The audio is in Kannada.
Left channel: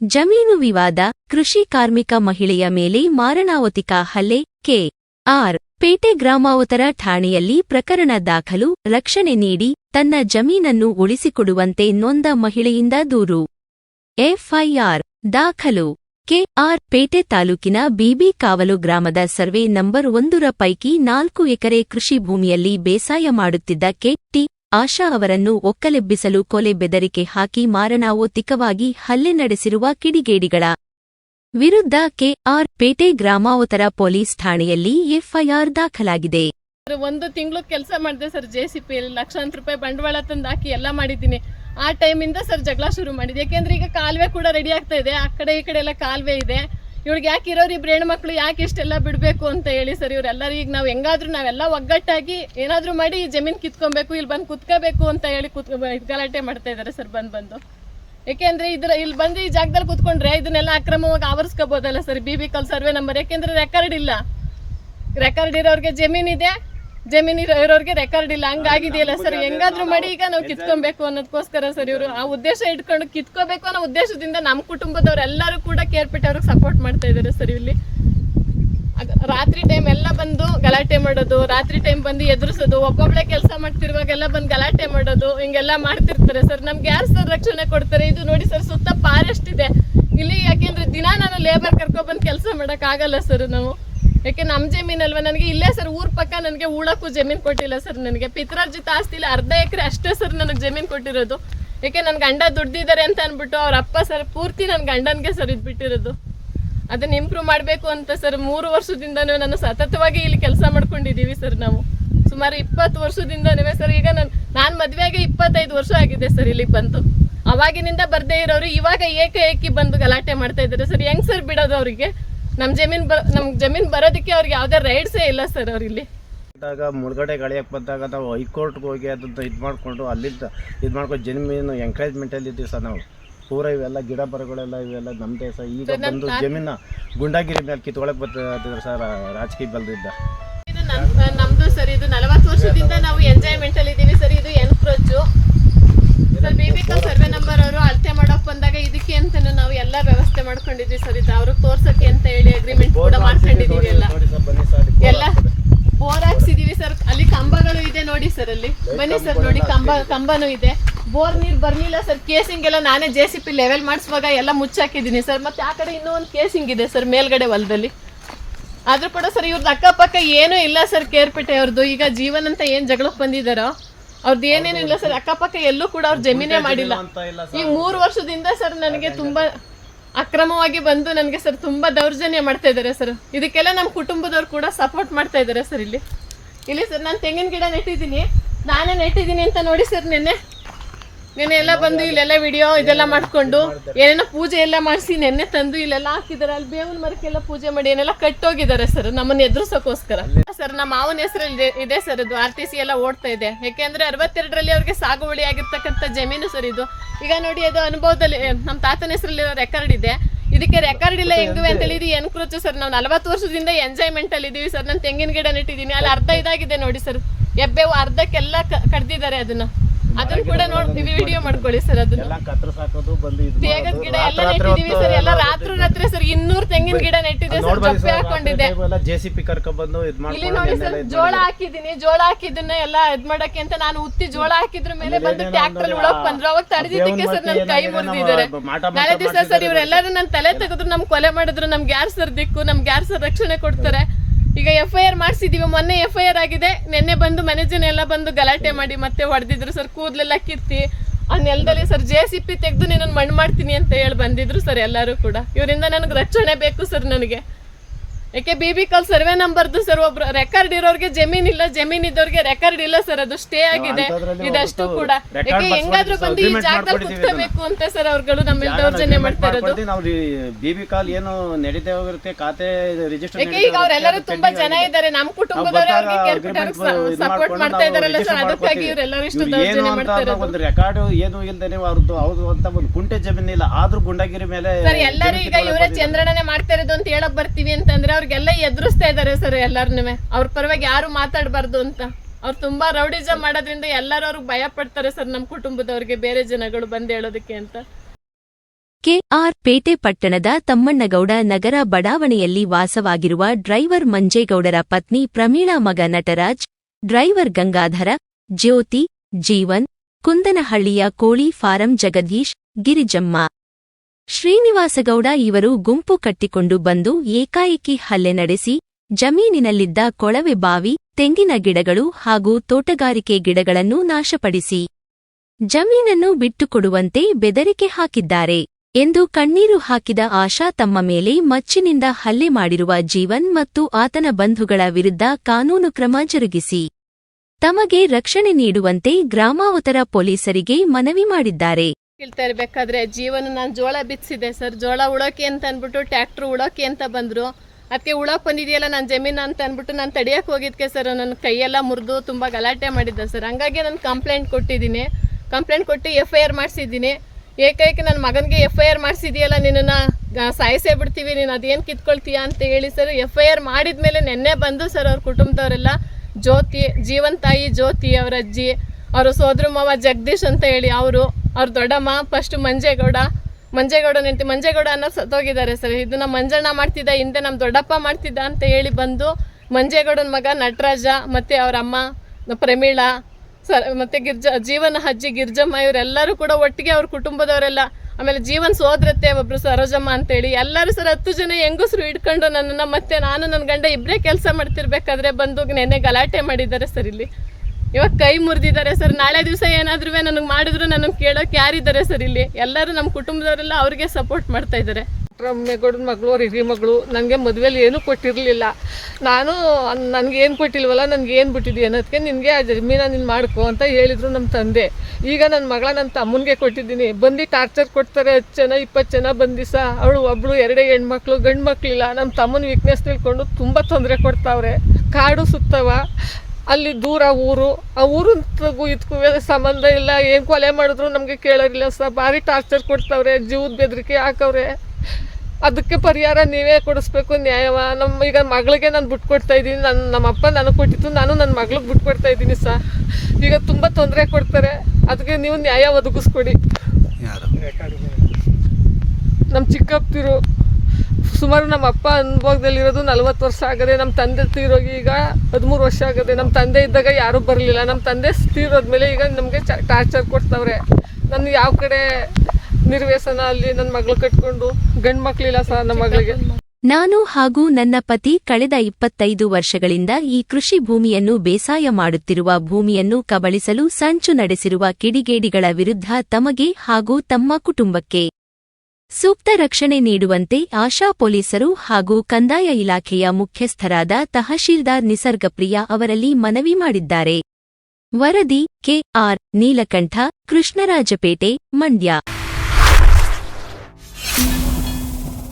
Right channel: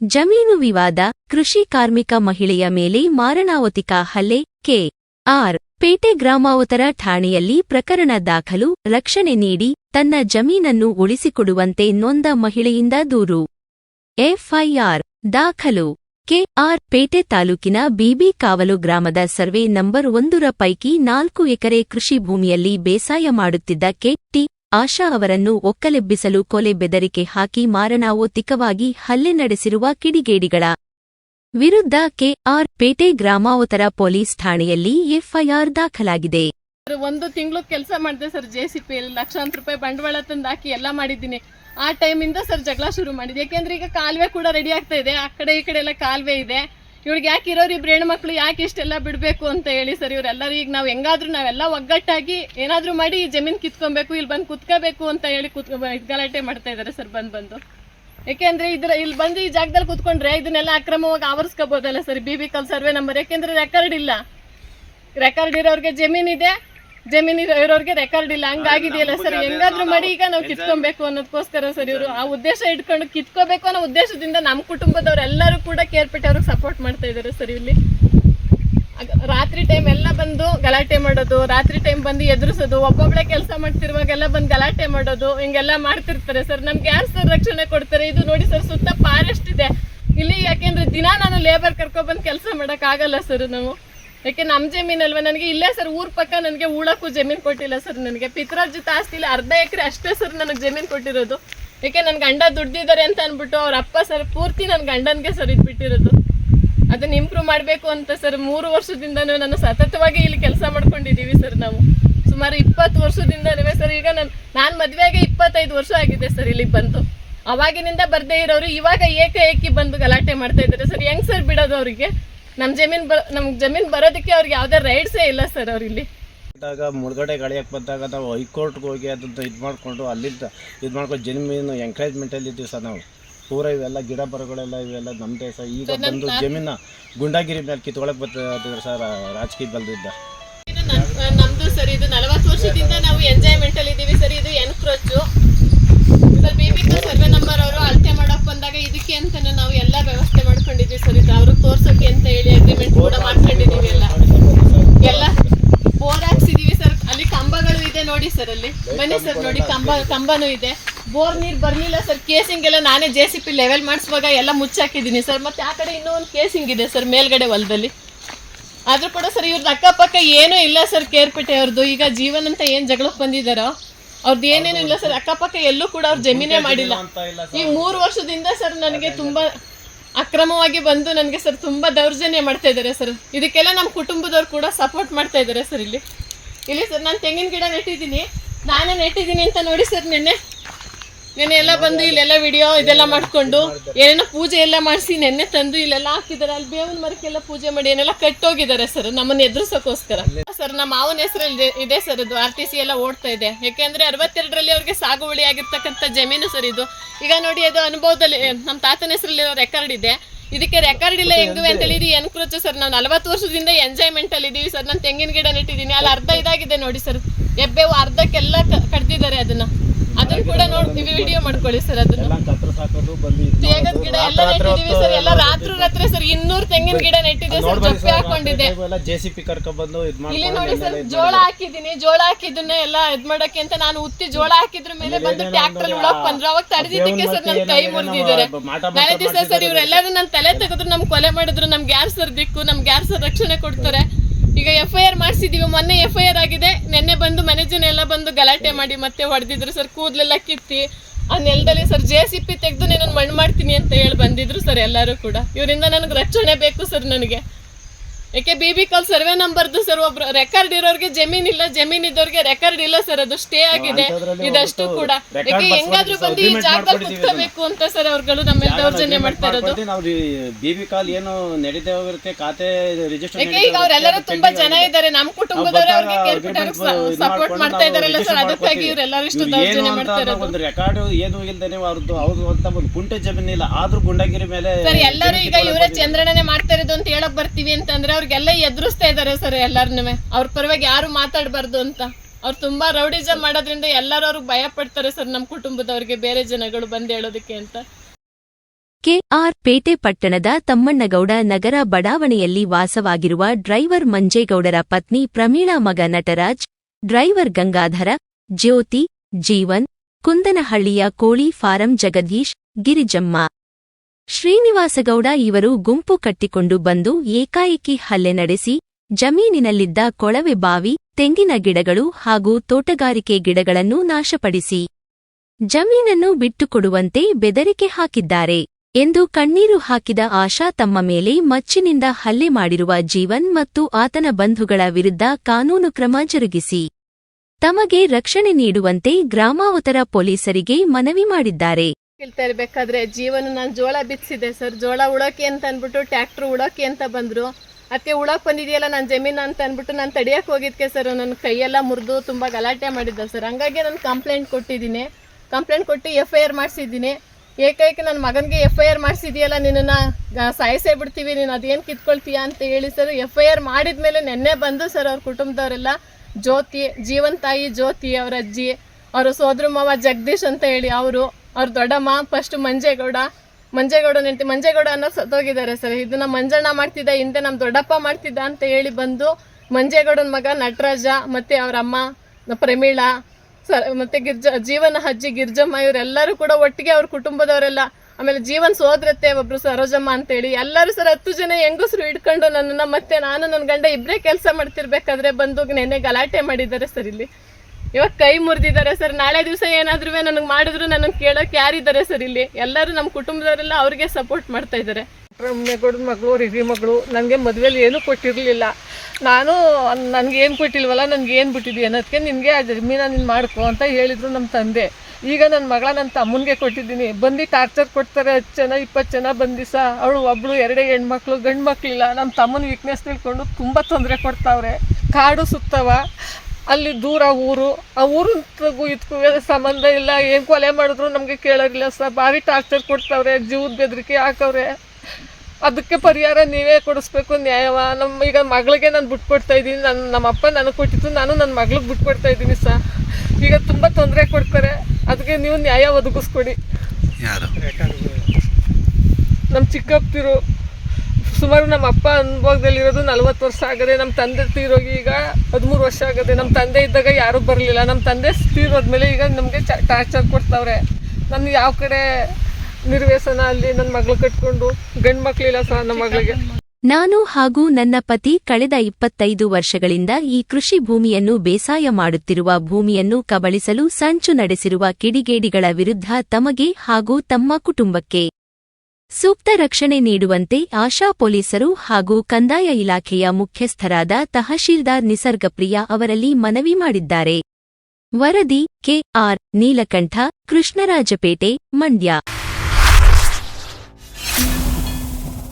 ಜಮೀನು ವಿವಾದ, ಕೃಷಿ ಕಾರ್ಮಿಕ ಮಹಿಳೆಯ ಮೇಲೆ ಮಾರಣಾವತಿಕ ಹಲ್ಲೆ, ಕೆ. ಆರ್. ಪೇಟೆ ಗ್ರಾಮಾವತರ ಠಾಣೆಯಲ್ಲಿ ಪ್ರಕರಣ ದಾಖಲು, ರಕ್ಷಣೆ ನೀಡಿ, ತನ್ನ ಜಮೀನನ್ನು ಉಳಿಸಿಕೊಡುವಂತೆ ನೊಂದ ಮಹಿಳೆಯಿಂದ ದೂರು. ಎಫ್ಐಆರ್ ದಾಖಲು. ಕೆಆರ್ ಪೇಟೆ ತಾಲೂಕಿನ ಬಿಬಿ ಕಾವಲು ಗ್ರಾಮದ ಸರ್ವೆ ನಂಬರ್ ಒಂದರ ಪೈಕಿ ನಾಲ್ಕು ಎಕರೆ ಕೃಷಿ ಭೂಮಿಯಲ್ಲಿ ಬೇಸಾಯ ಮಾಡುತ್ತಿದ್ದ ಕೆಟಿ ಆಶಾ ಅವರನ್ನು ಒಕ್ಕಲೆಬ್ಬಿಸಲು ಕೊಲೆ ಬೆದರಿಕೆ ಹಾಕಿ ಮಾರಣಾವೋತಿಕವಾಗಿ ಹಲ್ಲೆ ನಡೆಸಿರುವ ಕಿಡಿಗೇಡಿಗಳ ವಿರುದ್ಧ ಕೆಆರ್ ಪೇಟೆ ಗ್ರಾಮಾವತರ ಪೊಲೀಸ್ ಠಾಣೆಯಲ್ಲಿ ಎಫ್ಐಆರ್ ದಾಖಲಾಗಿದೆ. ಒಂದು ತಿಂಗಳು ಕೆಲಸ ಮಾಡಿದೆ ಸರ್, ಜೆ ಸಿ ಪಿ ಲಕ್ಷಾಂತರ ರೂಪಾಯಿ ಬಂಡವಾಳ ತಂದು ಹಾಕಿ ಎಲ್ಲ ಮಾಡಿದ್ದೀನಿ. ಆ ಟೈಮಿಂದ ಸರ್ ಜಗಳ ಶುರು ಮಾಡಿದೆ. ಯಾಕೆಂದ್ರೆ ಈಗ ಕಾಲುವೆ ಕೂಡ ರೆಡಿ ಆಗ್ತಾ ಇದೆ. ಆ ಕಡೆ ಈ ಕಡೆ ಎಲ್ಲ ಕಾಲುವೆ ಇದೆ. ಇವ್ರಿಗೆ ಯಾಕೆ ಇರೋರು ಇಬ್ರು ಹೆಣ್ಮಕ್ಳು ಯಾಕೆ ಇಷ್ಟೆಲ್ಲ ಬಿಡಬೇಕು ಅಂತ ಹೇಳಿ ಸರ್ ಇವರೆಲ್ಲರೂ ಈಗ ನಾವು ಹೆಂಗಾದ್ರೂ ನಾವೆಲ್ಲ ಒಗ್ಗಟ್ಟಾಗಿ ಏನಾದರೂ ಮಾಡಿ ಈ ಜಮೀನು ಕಿತ್ಕೊಬೇಕು, ಇಲ್ಲಿ ಬಂದು ಕುತ್ಕೋಬೇಕು ಅಂತ ಹೇಳಿ ಕುತ್ ಗಲಾಟೆ ಮಾಡ್ತಾ ಇದ್ದಾರೆ ಸರ್ ಬಂದು ಬಂದು. ಯಾಕೆಂದ್ರೆ ಇದರ ಇಲ್ಲಿ ಬಂದು ಈ ಜಾಗದಲ್ಲಿ ಕುತ್ಕೊಂಡ್ರೆ ಇದನ್ನೆಲ್ಲ ಅಕ್ರಮವಾಗಿ ಆವರಿಸ್ಕೋಬೋದಲ್ಲ ಸರ್? ಬಿ ಬಿ ಕಲ್ ಸರ್ವೆ ನಂಬರ್ ಯಾಕೆಂದ್ರೆ ರೆಕಾರ್ಡ್ ಇಲ್ಲ. ರೆಕಾರ್ಡ್ ಇರೋರಿಗೆ ಜಮೀನ್ ಇದೆ ಜಮೀನ್ ಇರೋ- ಇರೋರಿಗೆ ರೆಕಾರ್ಡ್ ಇಲ್ಲ ಹಂಗಾಗಿದೆಯಲ್ಲ ಸರ್? ಹೆಂಗಾದ್ರೂ ಮಾಡಿ ಈಗ ನಾವು ಕಿತ್ಕೊಬೇಕು ಅನ್ನೋದಕ್ಕೋಸ್ಕರ ಸರ್ ಇವರು. ಆ ಉದ್ದೇಶ ಇಟ್ಕೊಂಡು ಕಿತ್ಕೋಬೇಕು ಅನ್ನೋ ಉದ್ದೇಶದಿಂದ ನಮ್ಮ ಕುಟುಂಬದವ್ರು ಎಲ್ಲರೂ ಕೂಡ ಕೇರ್ ಅವ್ರಿಗೆ ಸಪೋರ್ಟ್ ಮಾಡ್ತಾ ಇದ್ದಾರೆ ಸರ್ ಇಲ್ಲಿ. ರಾತ್ರಿ ಟೈಮ್ ಎಲ್ಲ ಬಂದು ಗಲಾಟೆ ಮಾಡೋದು ರಾತ್ರಿ ಟೈಮ್ ಬಂದು ಎದುರಿಸೋದು ಒಬ್ಬೊಬ್ಳೆ ಕೆಲಸ ಮಾಡ್ತಿರುವಾಗೆಲ್ಲ ಬಂದು ಗಲಾಟೆ ಮಾಡೋದು ಹಿಂಗೆಲ್ಲ ಮಾಡ್ತಿರ್ತಾರೆ ಸರ್. ನಮ್ಗೆ ಯಾರು ಸರ್ ರಕ್ಷಣೆ ಕೊಡ್ತಾರೆ? ಇದು ನೋಡಿ ಸರ್ ಸುತ್ತ ಫಾರೆಸ್ಟ್ ಇದೆ. ಇಲ್ಲಿ ಯಾಕೆಂದ್ರೆ ದಿನ ನಾನು ಲೇಬರ್ ಕರ್ಕೊಬಂದು ಕೆಲಸ ಮಾಡೋಕ್ಕಾಗಲ್ಲ ಆಗಲ್ಲ ಸರ್ ನಾವು. ಯಾಕೆ ನಮ್ಮ ಜಮೀನ್ ಅಲ್ವಾ? ನನಗೆ ಇಲ್ಲೇ ಸರ್, ಊರ್ ಪಕ್ಕ ನನಗೆ ಉಳಕ್ಕೂ ಜಮೀನ್ ಕೊಟ್ಟಿಲ್ಲ ಸರ್ ನನಗೆ. ಪಿತ್ರಾರ್ಜಿತ ಆಸ್ತಿ ಇಲ್ಲ ಅರ್ಧ ಎಕರೆ ಅಷ್ಟೇ ಸರ್ ನನಗೆ ಜಮೀನ್ ಕೊಟ್ಟಿರೋದು. ಯಾಕೆ ನನ್ನ ಗಂಡ ದುಡ್ಡಿದ್ದಾರೆ ಅಂತ ಅಂದ್ಬಿಟ್ಟು ಅವ್ರ ಅಪ್ಪ ಸರ್ ಪೂರ್ತಿ ನನ್ನ ಗಂಡನ್ಗೆ ಸರ್ ಇದ್ಬಿಟ್ಟಿರೋದು. ಅದನ್ನ ಇಂಪ್ರೂವ್ ಮಾಡಬೇಕು ಅಂತ ಸರ್ ಮೂರು ವರ್ಷದಿಂದನೂ ನಾನು ಸತತವಾಗಿ ಇಲ್ಲಿ ಕೆಲಸ ಮಾಡ್ಕೊಂಡಿದ್ದೀವಿ ಸರ್ ನಾವು. ಸುಮಾರು ಇಪ್ಪತ್ತು ವರ್ಷದಿಂದನೇ ಸರ್ ಈಗ ನಾನು ನಾನು ಮದುವೆಗೆ ಇಪ್ಪತ್ತೈದು ವರ್ಷ ಆಗಿದೆ ಸರ್ ಇಲ್ಲಿಗೆ ಬಂದು. ಅವಾಗಿನಿಂದ ಬರ್ದೇ ಇರೋರು ಇವಾಗ ಏಕಾಏಕಿ ಬಂದು ಗಲಾಟೆ ಮಾಡ್ತಾ ಇದ್ದಾರೆ ಸರ್? ಹೆಂಗ್ ಸರ್ ಬಿಡೋದು ಅವರಿಗೆ? ನಮ್ಮ ಜಮೀನ್ ಬ ನಮ್ಮ ಜಮೀನ್ ಬರೋದಕ್ಕೆ ಅವ್ರಿಗೆ ಯಾವುದೇ ರೈಟ್ಸೇ ಇಲ್ಲ ಸರ್ ಅವ್ರಿಲ್ಲಿ ಇದ್ದಾಗ ಮುಳುಗಡೆ ಗಾಳಿಯಕ್ಕೆ ಬಂದಾಗ ನಾವು ಹೈಕೋರ್ಟ್ಗೆ ಹೋಗಿ ಅದನ್ನು ಇದು ಮಾಡಿಕೊಂಡು ಅಲ್ಲಿಂದ ಇದು ಮಾಡ್ಕೊಂಡು ಜಮೀನು ಎಂಕರೇಜ್ಮೆಂಟಲ್ಲಿ ಇದ್ದೀವಿ ಸರ್ ನಾವು. ಪೂರ ಇವೆಲ್ಲ ಗಿಡ ಮರಗಳೆಲ್ಲ ಇವೆಲ್ಲ ನಮ್ಮದೇ ಸರ್. ಈಗ ಬಂದು ಜಮೀನ ಗುಂಡಾಗಿರಿ ಮೇಲೆ ಕಿತ್ಕೊಳಕ್ಕೆ ಬರ್ತಿದ್ರು ಸರ್ ರಾಜಕೀಯ ನನ್- ನಮ್ದು ಸರ್ ಇದು ನಲವತ್ತು ವರ್ಷದಿಂದ ನಾವು ಎಂಜಾಯ್ಮೆಂಟ್ ಅಲ್ಲಿ ಇದೀವಿ ಸರ್ ಇದು encroach sir baby survey number ಅವರು ಅಳತೆ ಮಾಡಕ್ ಬಂದಾಗ ಇದಕ್ಕೆ ಅಂತಾನೆ ನಾವು ಎಲ್ಲ ವ್ಯವಸ್ಥೆ ಮಾಡ್ಕೊಂಡಿದ್ವಿ ಸರ್ ಇದು ಅವ್ರಿಗೆ ತೋರ್ಸೋಕೆ ಅಂತ ಹೇಳಿ ಅಗ್ರಿಮೆಂಟ್ ಕೂಡ ಮಾಡ್ಕೊಂಡಿದೀವಿ ಎಲ್ಲ ನೋಡಿ ಸರ್ ಬನ್ನಿ ಸರ್ ಎಲ್ಲ ಬೋರ್ ಹಾಕ್ಸಿದೀವಿ ಸರ್ ಅಲ್ಲಿ ಕಂಬಗಳು ಇದೆ ನೋಡಿ ಸರ್ ಅಲ್ಲಿ. ಬನ್ನಿ ಸರ್ ನೋಡಿ ಕಂಬ ಕಂಬನೂ ಇದೆ. ಬೋರ್ ನೀರ್ ಬರ್ಲಿಲ್ಲ ಸರ್ ಕೇಸಿಂಗ್ ಎಲ್ಲ ನಾನೇ ಜೆ ಸಿ ಪಿ ಲೆವೆಲ್ ಮಾಡಿಸುವಾಗ ಎಲ್ಲ ಮುಚ್ಚಾಕಿದ್ದೀನಿ ಸರ್ ಮತ್ತೆ ಆ ಕಡೆ ಇನ್ನೂ ಒಂದು ಕೇಸಿಂಗ್ ಇದೆ ಸರ್ ಮೇಲ್ಗಡೆ ಹೊಲದಲ್ಲಿ. ಆದ್ರೂ ಕೂಡ ಸರ್ ಇವ್ರದ್ದು ಅಕ್ಕಪಕ್ಕ ಏನೂ ಇಲ್ಲ ಸರ್ ಕೇರ್ಪೇಟೆ ಅವ್ರದ್ದು ಈಗ ಜೀವನ್ ಅಂತ ಏನ್ ಜಗಳಕ್ಕೆ ಬಂದಿದ್ದಾರೋ ಅವ್ರದ್ದು ಏನೇನು ಇಲ್ಲ ಸರ್ ಅಕ್ಕಪಕ್ಕ ಎಲ್ಲೂ ಕೂಡ ಅವ್ರ ಜಮೀನೇ ಮಾಡಿಲ್ಲ. ಈ ಮೂರು ವರ್ಷದಿಂದ ಸರ್ ನನಗೆ ತುಂಬಾ ಅಕ್ರಮವಾಗಿ ಬಂದು ನನಗೆ ಸರ್ ತುಂಬಾ ದೌರ್ಜನ್ಯ ಮಾಡ್ತಾ ಇದ್ದಾರೆ ಸರ್ ಇದಕ್ಕೆಲ್ಲ ನಮ್ಮ ಕುಟುಂಬದವ್ರು ಕೂಡ ಸಪೋರ್ಟ್ ಮಾಡ್ತಾ ಇದ್ದಾರೆ ಸರ್ ಇಲ್ಲಿ. ಇಲ್ಲಿ ಸರ್, ನಾನು ತೆಂಗಿನ ಗಿಡ ನೆಟ್ಟಿದ್ದೀನಿ. ನಾನೇ ನೆಟ್ಟಿದ್ದೀನಿ ಅಂತ ನೋಡಿ ಸರ್ ನೆನ್ನೆ. ನೆನ್ನೆ ಎಲ್ಲ ಬಂದು ಇಲ್ಲೆಲ್ಲ ವಿಡಿಯೋ ಇದೆಲ್ಲ ಮಾಡ್ಕೊಂಡು, ಏನೇನೋ ಪೂಜೆ ಎಲ್ಲ ಮಾಡಿಸಿ ನೆನ್ನೆ ತಂದು ಇಲ್ಲೆಲ್ಲ ಹಾಕಿದ್ದಾರೆ. ಅಲ್ಲಿ ಬೇವಿನ ಮರಕ್ಕೆಲ್ಲ ಪೂಜೆ ಮಾಡಿ ಏನೆಲ್ಲ ಕಟ್ಟೋಗಿದ್ದಾರೆ ಸರ್, ನಮ್ಮನ್ನ ಎದುರಿಸೋಕ್ಕೋಸ್ಕರ ಸರ್, ನಮ್ಮ ಮಾವನ ಹೆಸರಲ್ಲಿ ಇದೆ ಸರ್ ಇದು ಆರ್ ಟಿ ಸಿ ಎಲ್ಲ ಓಡ್ತಾ ಇದೆ. ಯಾಕೆಂದ್ರೆ ಅರವತ್ತೆರಡರಲ್ಲಿ ಅವ್ರಿಗೆ ಸಾಗುವಳಿ ಆಗಿರ್ತಕ್ಕಂಥ ಜಮೀನು ಸರ್ ಇದು. ಈಗ ನೋಡಿ, ಅದು ಅನುಭವದಲ್ಲಿ, ನಮ್ಮ ತಾತನ ಹೆಸರಲ್ಲಿ ರೆಕಾರ್ಡ್ ಇದೆ. ಇದಕ್ಕೆ ರೆಕಾರ್ಡ್ ಇಲ್ಲ ಹೆಂಗುವೆ ಅಂತ ಹೇಳಿ ಇದು ಎನ್ಕ್ರೋಚ್ ಸರ್ ನಾವು ನಲವತ್ತು ವರ್ಷದಿಂದ ಎಂಜಾಯ್ಮೆಂಟ್ ಅಲ್ಲಿ ಇದೀವಿ ಸರ್ ನಾನು ತೆಂಗಿನ ಗಿಡ ನೆಟ್ಟಿದ್ದೀನಿ. ಅಲ್ಲಿ ಅರ್ಧ ಇದಾಗಿದೆ ನೋಡಿ ಸರ್ ಎಬ್ಬೆವು ಅರ್ಧಕ್ಕೆಲ್ಲ ಕಡ್ದಿದ್ದಾರೆ ಅದನ್ನ. ಅದನ್ನ ಕೂಡ ನೋಡ್ತೀವಿ. ವಿಡಿಯೋ ಮಾಡ್ಕೊಳ್ಳಿ ಸರ್ ಅದನ್ನ. ತೇಗದ ಗಿಡ ಎಲ್ಲ ನೆಟ್ಟಿದೀವಿ ಸರ್ ಎಲ್ಲ ರಾತ್ರಿ ರಾತ್ರಿ ಸರ್ ಇನ್ನೂರು ತೆಂಗಿನ ಗಿಡ ನೆಟ್ಟಿದೆ ಸರ್ ಜೊಪ್ಪೆ ಹಾಕೊಂಡಿದೆ ಇಲ್ಲಿ ನೋಡಿ ಸರ್ ಜೋಳ ಹಾಕಿದೀನಿ ಜೋಳ ಹಾಕಿದನ್ನ ಎಲ್ಲ ಇದ್ ಮಾಡಕ್ಕೆ ಅಂತ ನಾನು ಉತ್ತಿ ಜೋಳ ಹಾಕಿದ್ರ ಮೇಲೆ ಬಂದು ಟ್ರ್ಯಾಕ್ಟರ್ ಉಳಕ್ ಬಂದ್ರು. ಅವಾಗ ತಡೆದಿದ್ದಕ್ಕೆ ಸರ್ ನನ್ ಕೈ ಮುರಿದಿದ್ದಾರೆ. ನಾಳೆ ದಿವಸ ಸರ್ ಇವ್ರೆಲ್ಲರೂ ನನ್ನ ತಲೆ ತೆಗೆದ್ರು ನಮ್ಗೆ ಕೊಲೆ ಮಾಡಿದ್ರು ನಮ್ಗೆ ಯಾರು ಸರ್ ದಿಕ್ಕು ನಮ್ಗೆ ಯಾರು ಸರ್ ರಕ್ಷಣೆ ಕೊಡ್ತಾರೆ. ಈಗ ಎಫ್ ಐ ಆರ್ ಮಾಡಿಸಿದೀವಿ, ಮೊನ್ನೆ ಎಫ್ ಐ ಆರ್ ಆಗಿದೆ. ನಿನ್ನೆ ಬಂದು ಮನೆ ಜನ ಎಲ್ಲ ಬಂದು ಗಲಾಟೆ ಮಾಡಿ ಮತ್ತೆ ಹೊಡೆದಿದ್ರು ಸರ್, ಕೂದಲೆಲ್ಲ ಕಿತ್ತಿ. ಆ ನೆಲದಲ್ಲಿ ಸರ್ ಜೆ ಸಿ ಪಿ ತೆಗೆದು ನಿನ್ನನ್ನು ಮಣ್ಣು ಮಾಡ್ತೀನಿ ಅಂತ ಹೇಳಿ ಬಂದಿದ್ರು ಸರ್ ಎಲ್ಲರೂ ಕೂಡ. ಇವರಿಂದ ನನಗೆ ರಕ್ಷಣೆ ಬೇಕು ಸರ್ ನನಗೆ. ಯಾಕೆ ಬಿ ಬಿ ಕಾಲ್ ಸರ್ವೆ ನಂಬರ್ದು ಸರ್ ಒಬ್ರು ರೆಕಾರ್ಡ್ ಇರೋರ್ಗೆ ಜಮೀನ್ ಇಲ್ಲ ಜಮೀನ್ ಇದ್ದವ್ರಿಗೆ ರೆಕಾರ್ಡ್ ಇಲ್ಲ ಸರ್ ಅದು ಸ್ಟೇ ಆಗಿದೆ. ಇದಷ್ಟು ಕೂಡ. ಯಾಕೆ ಹೆಂಗಾದ್ರೂ ಬಂದು ಈ ಜಾಗದಲ್ಲಿ ಕುತ್ಕೋಬೇಕು ಅಂತ ಸರ್ ಅವ್ರುಗಳು ನಮ್ಮ ದೌರ್ಜನ್ಯ ಮಾಡ್ತಾ ಇರೋದು. ನಾವು ಬಿ ಬಿ ಕಾಲ್ ಏನು ನಡೀತಾ ಹೋಗಿರುತ್ತೆ ಖಾತೆ ರಿಜಿಸ್ಟರ್ ಯಾಕೆ ಈಗ ಅವರೆಲ್ಲರೂ ತುಂಬಾ ಜನ ಇದ್ದಾರೆ. ನಮ್ಮ ಕುಟುಂಬದವರೇ ಅವ್ರಿಗೆ ಸಪೋರ್ಟ್ ಮಾಡ್ತಾ ಇದಾರಲ್ಲ ಸರ್? ಅದಕ್ಕಾಗಿ ಇವರೆಲ್ಲರೂ ಇಷ್ಟು ದೌರ್ಜನ್ಯ ಮಾಡ್ತಾ ಇರೋದು. ಒಂದು ರೆಕಾರ್ಡ್ ಏನು ಇಲ್ದೇನೆ ಅವ್ರದ್ದು ಅವ್ರದ್ದು ಅಂತ ಒಂದು ಕುಂಟೆ ಜಮೀನ್ ಇಲ್ಲ ಆದ್ರೂ ಗುಂಡಗಿರಿ ಮೇಲೆ ಸರ್ ಎಲ್ಲರೂ ಈಗ ಇವರೇ ಚಂದ್ರಣ್ಣನೆ ಮಾಡ್ತಾ ಇರೋದು ಅಂತ ಹೇಳಕ್ ಬರ್ತೀವಿ ಅಂತಂದ್ರೆ ಅವ್ರಿಗೆಲ್ಲ ಎದುರಿಸ್ತಾ ಇದಾರೆ ಸರ್ ಎಲ್ಲಾರ್ನುವೆ. ಅವ್ರ ಪರವಾಗಿ ಯಾರು ಮಾತಾಡಬಾರ್ದು ಅಂತ. ಅವ್ರು ತುಂಬಾ ರೌಡಿಸಮ್ ಮಾಡೋದ್ರಿಂದ ಎಲ್ಲರೂ ಅವ್ರಿಗೆ ಭಯ ಪಡ್ತಾರೆ ಸರ್ ನಮ್ಮ ಕುಟುಂಬದವ್ರಿಗೆ, ಬೇರೆ ಜನಗಳು ಬಂದು ಹೇಳೋದಕ್ಕೆ ಅಂತ. ಕೆಆರ್ ಪೇಟೆ ಪಟ್ಟಣದ ತಮ್ಮಣ್ಣಗೌಡ ನಗರ ಬಡಾವಣೆಯಲ್ಲಿ ವಾಸವಾಗಿರುವ ಡ್ರೈವರ್ ಮಂಜೇಗೌಡರ ಪತ್ನಿ ಪ್ರಮೀಳಾ ಮಗ ನಟರಾಜ್, ಡ್ರೈವರ್ ಗಂಗಾಧರ, ಜ್ಯೋತಿ, ಜೀವನ್, ಕುಂದನಹಳ್ಳಿಯ ಕೋಳಿ ಫಾರಂ ಜಗದೀಶ್, ಗಿರಿಜಮ್ಮ. ಶ್ರೀನಿವಾಸಗೌಡ ಇವರು ಗುಂಪು ಕಟ್ಟಿಕೊಂಡು ಬಂದು ಏಕಾಏಕಿ ಹಲ್ಲೆ ನಡೆಸಿ, ಜಮೀನಿನಲ್ಲಿದ್ದ ಕೊಳವೆ ಬಾವಿ, ತೆಂಗಿನ ಗಿಡಗಳು ಹಾಗೂ ತೋಟಗಾರಿಕೆ ಗಿಡಗಳನ್ನು ನಾಶಪಡಿಸಿ, ಜಮೀನನ್ನು ಬಿಟ್ಟುಕೊಡುವಂತೆ ಬೆದರಿಕೆ ಹಾಕಿದ್ದಾರೆ ಎಂದು ಕಣ್ಣೀರು ಹಾಕಿದ ಆಶಾ ತಮ್ಮ ಮೇಲೆ ಮಚ್ಚಿನಿಂದ ಹಲ್ಲೆ ಮಾಡಿರುವ ಜೀವನ್ ಮತ್ತು ಆತನ ಬಂಧುಗಳ ವಿರುದ್ಧ ಕಾನೂನು ಕ್ರಮ ಜರುಗಿಸಿ, ತಮಗೆ ರಕ್ಷಣೆ ನೀಡುವಂತೆ ಗ್ರಾಮಾವತರ ಪೊಲೀಸರಿಗೆ ಮನವಿ ಮಾಡಿದ್ದಾರೆ. ಕೇಳ್ತಾ ಇರ್ಬೇಕಾದ್ರೆ, ಜೀವನ ನಾನು ಜೋಳ ಬಿತ್ತಿಸಿದೆ ಸರ್. ಜೋಳ ಉಳೋಕೆ ಅಂತ ಅಂದ್ಬಿಟ್ಟು ಟ್ಯಾಕ್ಟ್ರ್ ಉಳೋಕೆ ಅಂತ ಬಂದ್ರು. ಅದಕ್ಕೆ ಉಳಕ್ ಬಂದಿದೆಯಲ್ಲ ನನ್ನ ಜಮೀನು ಅಂತ ಅಂದ್ಬಿಟ್ಟು ನಾನು ತಡಿಯಕ್ಕೆ ಹೋಗಿದ್ಕೆ ಸರ್. ನನ್ನ ಕೈಯೆಲ್ಲ ಮುರಿದು ತುಂಬ ಗಲಾಟೆ ಮಾಡಿದ್ದೆ ಸರ್. ಹಂಗಾಗಿ ನಾನು ಕಂಪ್ಲೇಂಟ್ ಕೊಟ್ಟಿದ್ದೀನಿ. ಕಂಪ್ಲೇಂಟ್ ಕೊಟ್ಟು ಎಫ್ ಐ ಆರ್ ಮಾಡಿಸಿದ್ದೀನಿ. ಏಕೈಕ ನನ್ನ ಮಗನಿಗೆ ಎಫ್ ಐ ಆರ್ ಮಾಡಿಸಿದೆಯಲ್ಲ ನಿನ್ನನ್ನು ಸಾಯಿಸೇ ಬಿಡ್ತೀವಿ. ನೀನು ಅದೇನು ಕಿತ್ಕೊಳ್ತೀಯಾ ಅಂತ ಹೇಳಿ ಸರ್. ಎಫ್ ಐ ಆರ್ ಮಾಡಿದ್ಮೇಲೆ ನೆನ್ನೆ ಬಂದು ಸರ್ ಅವ್ರ ಕುಟುಂಬದವರೆಲ್ಲ, ಜ್ಯೋತಿ, ಜೀವನ್ ತಾಯಿ ಜ್ಯೋತಿ ಅವರ ಅಜ್ಜಿ, ಅವರ ಸೋದರ ಮಾವ ಜಗದೀಶ್ ಅಂತ ಹೇಳಿ ಅವರು ಅವ್ರ ದೊಡ್ಡಮ್ಮ ಫಸ್ಟ್ ಮಂಜೇಗೌಡ. ಮಂಜೇಗೌಡ ನೆಂಟಿ ಮಂಜೇಗೌಡ ಅನ್ನೋ ಸತ್ತೋಗಿದ್ದಾರೆ ಸರ್. ಇದನ್ನ ಮಂಜಣ್ಣ ಮಾಡ್ತಿದ್ದ, ಹಿಂದೆ ನಮ್ಮ ದೊಡ್ಡಪ್ಪ ಮಾಡ್ತಿದ್ದ ಅಂತ ಹೇಳಿ ಬಂದು ಮಂಜೇಗೌಡನ ಮಗ ನಟರಾಜ, ಮತ್ತು ಅವ್ರ ಅಮ್ಮ ಪ್ರಮೀಳಾ, ಸರ್, ಮತ್ತು ಗಿರ್ಜ, ಜೀವನ ಅಜ್ಜಿ ಗಿರ್ಜಮ್ಮ ಇವರೆಲ್ಲರೂ ಕೂಡ ಒಟ್ಟಿಗೆ ಅವ್ರ ಕುಟುಂಬದವರೆಲ್ಲ, ಆಮೇಲೆ ಜೀವನ್ ಸೋದರತ್ತೆ ಒಬ್ರು ಸರೋಜಮ್ಮ ಅಂತೇಳಿ. ಎಲ್ಲರೂ ಸರ್ ಹತ್ತು ಜನ ಹೆಂಗಸರು ಹಿಡ್ಕೊಂಡು ನನ್ನನ್ನು ಮತ್ತೆ ನಾನು ನನ್ನ ಗಂಡ ಇಬ್ಬರೇ ಕೆಲಸ ಮಾಡ್ತಿರ್ಬೇಕಾದ್ರೆ ಬಂದು ನೆನ್ನೆ ಗಲಾಟೆ ಮಾಡಿದ್ದಾರೆ ಸರ್ ಇಲ್ಲಿ. ಇವಾಗ ಕೈ ಮುರಿದಿದ್ದಾರೆ ಸರ್. ನಾಳೆ ದಿವಸ ಏನಾದ್ರೂ ನನಗೆ ಮಾಡಿದ್ರು ನನಗೆ ಕೇಳೋಕೆ ಯಾರಿದ್ದಾರೆ ಸರ್ ಇಲ್ಲಿ? ಎಲ್ಲರೂ ನಮ್ಮ ಕುಟುಂಬದವರೆಲ್ಲ ಅವ್ರಿಗೆ ಸಪೋರ್ಟ್ ಮಾಡ್ತಾ ಇದ್ದಾರೆ. ರಮ್ಯಗೌಡನ ಮಗಳು ಅವ್ರ ಮಗಳು ನನಗೆ ಮದುವೆಲಿ ಏನೂ ಕೊಟ್ಟಿರಲಿಲ್ಲ. ನಾನು ನನಗೆ ಏನು ಕೊಟ್ಟಿಲ್ವಲ್ಲ, ನನಗೆ ಏನು ಬಿಟ್ಟಿದ್ವಿ ಅನ್ನೋದಕ್ಕೆ ನಿನಗೆ ಆ ಜಮೀನ ನೀನು ಮಾಡ್ಕೊ ಅಂತ ಹೇಳಿದ್ರು ನಮ್ಮ ತಂದೆ. ಈಗ ನನ್ನ ಮಗಳ ನನ್ನ ತಮ್ಮನಿಗೆ ಕೊಟ್ಟಿದ್ದೀನಿ. ಬಂದು ಟಾರ್ಚರ್ ಕೊಡ್ತಾರೆ ಹತ್ತು ಜನ, ಇಪ್ಪತ್ತು ಜನ ಬಂದಿಸ ಅವಳು ಒಬ್ಬಳು ಎರಡೇ ಹೆಣ್ಮಕ್ಳು ಗಂಡು ಮಕ್ಕಳಿಲ್ಲ ನಮ್ಮ ತಮ್ಮನ ವೀಕ್ನೆಸ್ ತಿಳ್ಕೊಂಡು ತುಂಬ ತೊಂದರೆ ಕೊಡ್ತಾವ್ರೆ. ಕಾಡು ಸುತ್ತವ. ಅಲ್ಲಿ ದೂರ ಊರು ಆ ಊರು ಇದಕ್ಕೂ ಸಂಬಂಧ ಇಲ್ಲ ಏನು ಕೊಲೆ ಮಾಡಿದ್ರು ನಮಗೆ ಕೇಳೋರಿಲ್ಲ ಸರ್. ಭಾರಿ ಟಾರ್ಚರ್ ಕೊಡ್ತಾವ್ರೆ ಜೀವದ ಬೆದರಿಕೆ ಹಾಕವ್ರೆ. ಅದಕ್ಕೆ ಪರಿಹಾರ ನೀವೇ ಕೊಡಿಸ್ಬೇಕು ನ್ಯಾಯವ. ನಮ್ಮ ಈಗ ಮಗಳಿಗೆ ನಾನು ಬಿಟ್ಕೊಡ್ತಾ ಇದ್ದೀನಿ. ನನ್ನ ನಮ್ಮ ಅಪ್ಪ ನನಗೆ ಕೊಟ್ಟಿತ್ತು ನಾನು ನನ್ನ ಮಗಳಿಗೆ ಬಿಟ್ಕೊಡ್ತಾ ಇದ್ದೀನಿ ಸರ್. ಈಗ ತುಂಬ ತೊಂದರೆ ಕೊಡ್ತಾರೆ. ಅದಕ್ಕೆ ನೀವು ನ್ಯಾಯ ಒದಗಿಸ್ಕೊಡಿ. ಯಾರು? ನಮ್ಮ ಚಿಕ್ಕಪ್ಪತಿರು ಸುಮಾರು ನಮ್ಮ ಅಪ್ಪ ಅನುಭವದಲ್ಲಿರೋದು ನಲ್ವತ್ತು ವರ್ಷ ಆಗದೆ ನಮ್ಮ ತಂದೆ ತೀರೋಗಿ ಈಗ ಹದಿಮೂರು ವರ್ಷ ಆಗದೆ. ನಮ್ಮ ತಂದೆ ಇದ್ದಾಗ ಯಾರೂ ಬರಲಿಲ್ಲ. ನಮ್ಮ ತಂದೆ ತೀರೋದ್ಮೇಲೆ ಈಗ ನಮಗೆ ಟಾರ್ಚರ್ ಕೊಡ್ತಾವ್ರೆ. ನಾನು ಯಾವ ಕಡೆ ನಿರ್ವೇಸನ ಅಲ್ಲಿ ನನ್ನ ಮಗಳು ಕಟ್ಕೊಂಡು ಗಂಡು ಮಕ್ಕಳಿಲ್ಲ ಸರ್ ನಮ್ಮ ಮಗಳಿಗೆ. ನಾನು ಹಾಗೂ ನನ್ನ ಪತಿ ಕಳೆದ ಇಪ್ಪತ್ತೈದು ವರ್ಷಗಳಿಂದ ಈ ಕೃಷಿ ಭೂಮಿಯನ್ನು ಬೇಸಾಯ ಮಾಡುತ್ತಿರುವ ಭೂಮಿಯನ್ನು ಕಬಳಿಸಲು ಸಂಚು ನಡೆಸಿರುವ ಕಿಡಿಗೇಡಿಗಳ ವಿರುದ್ಧ ತಮಗೆ ಹಾಗೂ ತಮ್ಮ ಕುಟುಂಬಕ್ಕೆ ಸೂಕ್ತ ರಕ್ಷಣೆ ನೀಡುವಂತೆ ಆಶಾ ಪೊಲೀಸರು ಹಾಗೂ ಕಂದಾಯ ಇಲಾಖೆಯ ಮುಖ್ಯಸ್ಥರಾದ ತಹಶೀಲ್ದಾರ್ ನಿಸರ್ಗಪ್ರಿಯ ಅವರಲ್ಲಿ ಮನವಿ ಮಾಡಿದ್ದಾರೆ. ವರದಿ ಕೆಆರ್ ನೀಲಕಂಠ, ಕೃಷ್ಣರಾಜಪೇಟೆ, ಮಂಡ್ಯ.